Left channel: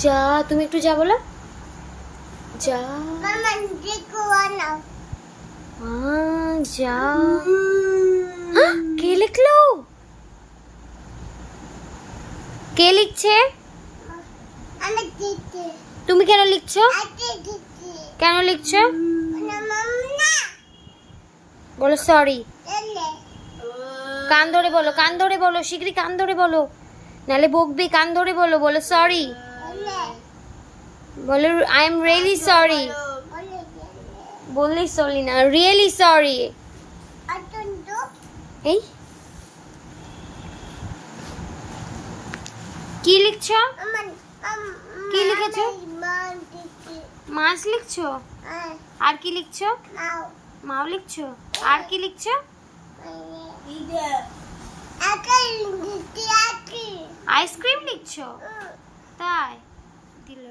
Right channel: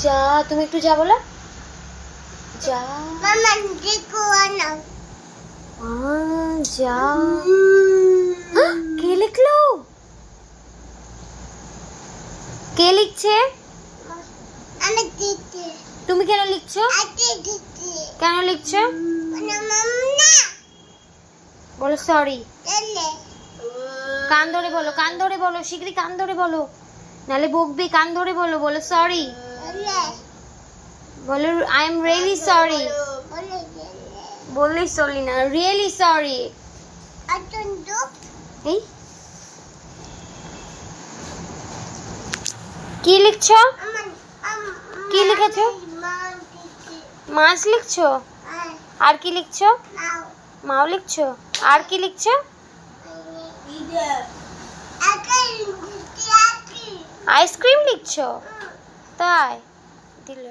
যা, তুমি একটু যা বলো। যা মামা দেখো না। যা। কে লিখলো? কে লিখছে? আমি দিতে। তুমি কেন লিখছো? আতে দিতে। কেন লিখছো? না মামা। বলো সরি। এলে। কান ধরে বলো, কান ধরে বলো, শিগগিরই কান ধরে বলো, নালে বকবি। কান ধরে বলো, বলো সরি। এলে। বলো আই এম রিয়েলি সরি। বলে এলে। বললেই সরি না, রিয়েলি সরি। আতন্দ। এই কি লিখছো? কি লিখেছো? মাছ লিখছো? আর কি লিখছো? মাও লিখছো? আর কি লিখছো? আইসক্রিম লিখছো? তাই দিল।